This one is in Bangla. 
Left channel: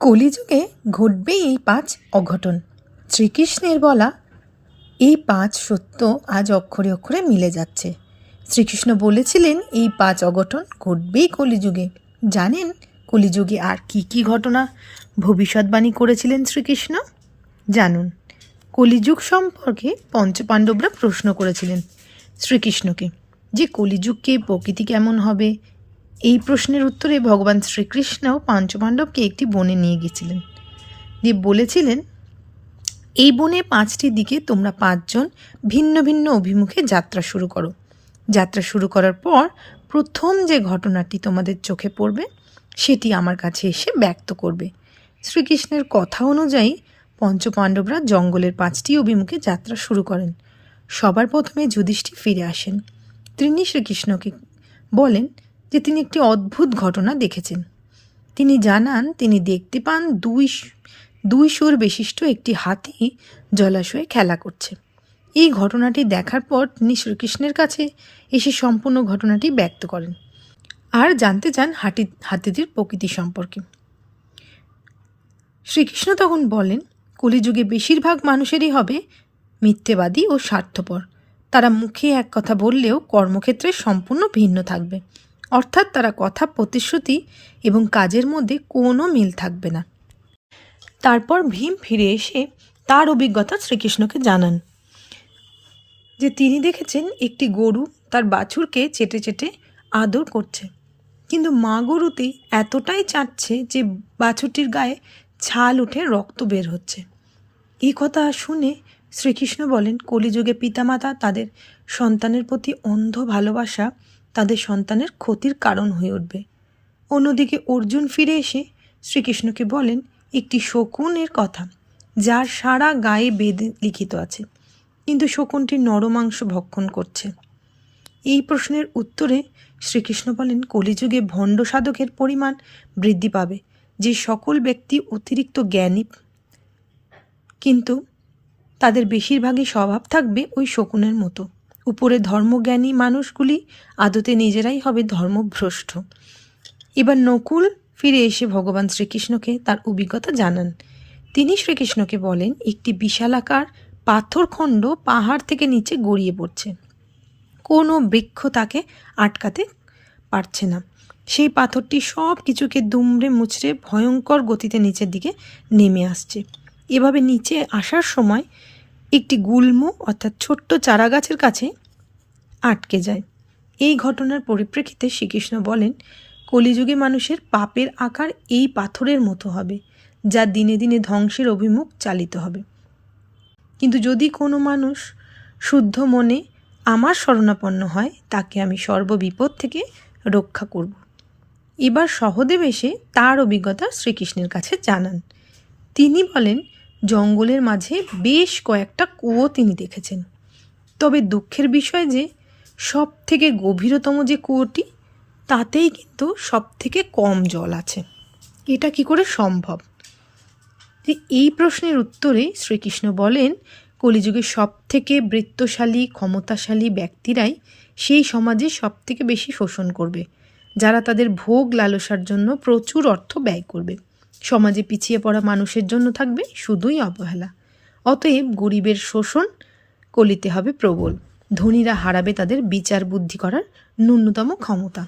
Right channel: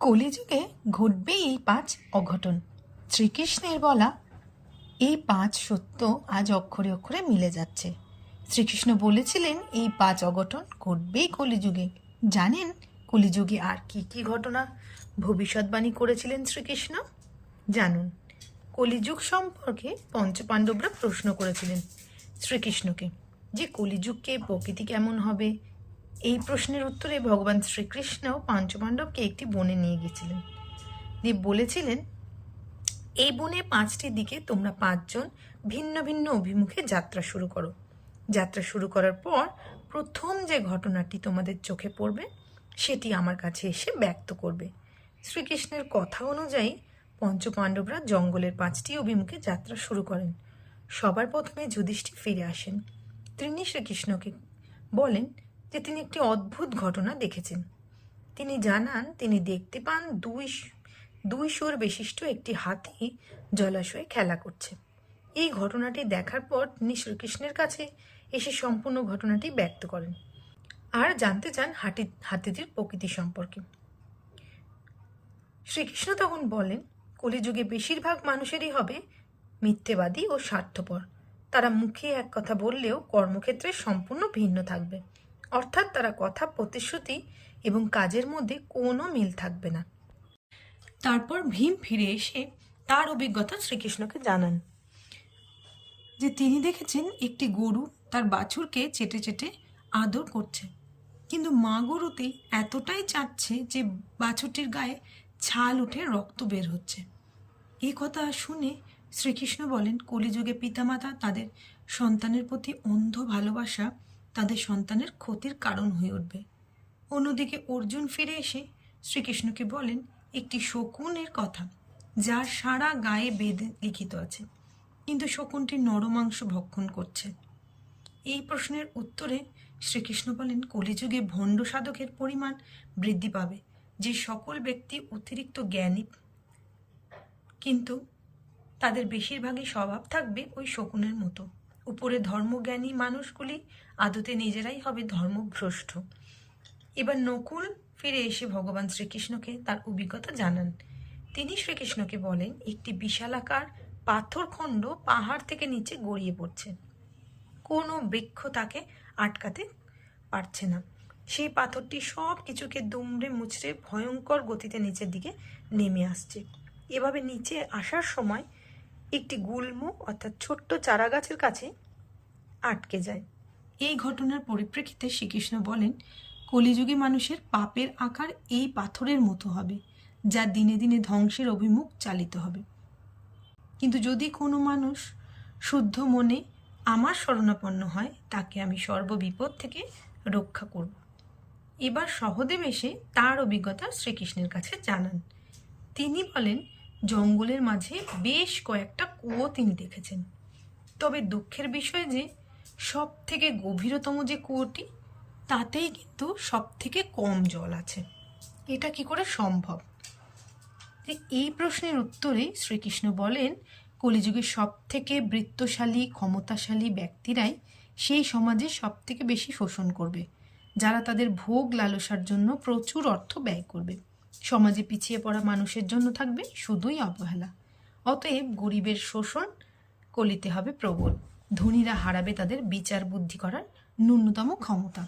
কলিযুগে ঘটবে এই 5 অঘটন। শ্রীকৃষ্ণের বলা এই 5 সত্য আজ অক্ষরে অক্ষরে মিলে যাচ্ছে। শ্রীকৃষ্ণ বলেছিলেন এই 5 অঘটন ঘটবেই কলিযুগে। জানেন কলিযুগে আর কি কি ঘটনা ভবিষ্যৎবাণী করেছিলেন শ্রীকৃষ্ণ? জানুন। কলিযুগ সম্পর্কে পঞ্চপাণ্ডবরা প্রশ্ন করেছিলেন শ্রীকৃষ্ণকে যে কলিযুগকে প্রকৃতি কেমন হবে। এই প্রশ্নের উত্তরে ভগবান শ্রীকৃষ্ণ পঞ্চপাণ্ডবকে একটি বনে নিয়ে গেছিলেন, দিয়ে বলেছিলেন এই বনে 5টি দিকে তোমরা 5 জন ভিন্ন ভিন্ন অভিমুখে যাত্রা শুরু করো। যাত্রা শুরু করার পর প্রথম যে ঘটনাটি তোমাদের চোখে পড়বে সেটি আমার কাছে এসে ব্যক্ত করবে। শ্রীকৃষ্ণের কথা অনুযায়ী পঞ্চপাণ্ডবরা জঙ্গলের 5টি অভিমুখে যাত্রা শুরু করেন। সবার প্রথমে যুধিষ্ঠির ফিরে আসেন। তিনি শ্রীকৃষ্ণকে বলেন যে তিনি একটি অদ্ভুত ঘটনা দেখেছেন। তিনি জানান তিনি দেখতে পান দুই সুর বিশিষ্ট একটি হাতি জলাশয়ে খেলা করছে। এই ঘটনাটি দেখার পর তিনি শ্রীকৃষ্ণের কাছে এসে সম্পূর্ণ ঘটনাটি ব্যক্ত করেন আর জানতে চান হাতিটির প্রকৃতি সম্পর্কে। শ্রীকৃষ্ণ তখন বলেন কলিযুগে বেশিরভাগ মানুষেরই হবে মিথ্যেবাদী ও স্বার্থপর। তারা মুখে এক কথা বললেও কর্মক্ষেত্রে সম্পূর্ণ ভিন্ন থাকবে, অর্থাৎ তারা কথা, প্রতিশ্রুতি এবং কাজের মধ্যে কোনো মিল থাকবে না। তারপর ভীম ফিরে এসে তার অভিজ্ঞতা শ্রীকৃষ্ণকে জানান যে তিনি দেখেছেন একটি গরু তার বাছুরকে চেটে চেটে আদর করছে, কিন্তু মা গরুটি এতটাই চাটছে যে বাছুরটির গায়ে ছাল উঠে রক্ত বের হচ্ছে। এই কথা শুনে শ্রীকৃষ্ণ বলেন কলিযুগে পিতামাতা তাদের সন্তানের প্রতি অন্ধ ভালোবাসা তাদের সন্তানের ক্ষতির কারণ হয়ে উঠবে। অন্যদিকে অর্জুন ফিরে এসে শ্রীকৃষ্ণকে বলেন একটি শকুনের কথা যার সারা গায়ে বেদে লিখিত আছে, কিন্তু শকুনটি নরমাংস ভক্ষণ করছে। এই প্রশ্নের উত্তরে শ্রীকৃষ্ণ বলেন কলিযুগে ভণ্ড সাধকের পরিমাণ বৃদ্ধি পাবে, যে সকল ব্যক্তি অতিরিক্ত জ্ঞানী, কিন্তু তাদের বেশিরভাগই স্বভাব থাকবে ওই শকুনের মতো। উপরে ধর্মজ্ঞানী মানুষগুলি আদতে নিজেরাই হবে ধর্মভ্রষ্ট। এবার নকুল ফিরে এসে ভগবান শ্রীকৃষ্ণকে তার অভিজ্ঞতা জানান। তিনি শ্রীকৃষ্ণকে বলেন একটি বিশালাকার পাথরখণ্ড পাহাড় থেকে নিচে গড়িয়ে পড়ছে। কোনো বৃক্ষ তাকে আটকাতে পারছে না। সেই পাথরটি সব কিছুকে দুমড়ে মুচড়ে ভয়ঙ্কর গতিতে নিচের দিকে নেমে আসছে। এভাবে নিচে আসার সময় একটি গুল্ম অর্থাৎ ছোট্ট চারাগাছের কাছে আটকে যায়। এই ঘটনার পরিপ্রেক্ষিতে শ্রীকৃষ্ণ বলেন কলিযুগে মানুষের পাপের আকার এই পাথরের মতো হবে, যা দিনে দিনে ধ্বংসের অভিমুখ চালিত হবে। কিন্তু যদি কোনো মানুষ শুদ্ধ মনে আমার শরণাপন্ন হয় তাকে আমি সর্ববিপদ থেকে রক্ষা করব। এবার সহদেব এসে তার অভিজ্ঞতা শ্রীকৃষ্ণের কাছে জানান। তিনি বলেন জঙ্গলের মাঝে বেশ কয়েকটা কুয়ো তিনি দেখেছেন, তবে দুঃখের বিষয় যে সব থেকে গভীরতম যে কুয়োটি তাতেই কিন্তু সব থেকে কম জল আছে। এটা কি করে সম্ভব? এই প্রশ্নের উত্তরে শ্রীকৃষ্ণ বলেন কলিযুগে সব থেকে বৃত্তশালী ক্ষমতাশালী ব্যক্তিরাই সেই সমাজে সব থেকে বেশি শোষণ করবে, যারা তাদের ভোগ লালসার জন্য প্রচুর অর্থ ব্যয় করবে। সমাজে পিছিয়ে পড়া মানুষের জন্য থাকবে শুধুই অবহেলা। অতএব গরিবের শোষণ কলিতে হবে প্রবল, ধনীরা হারাবে তাদের বিচার বুদ্ধি করার ন্যূনতম ক্ষমতা।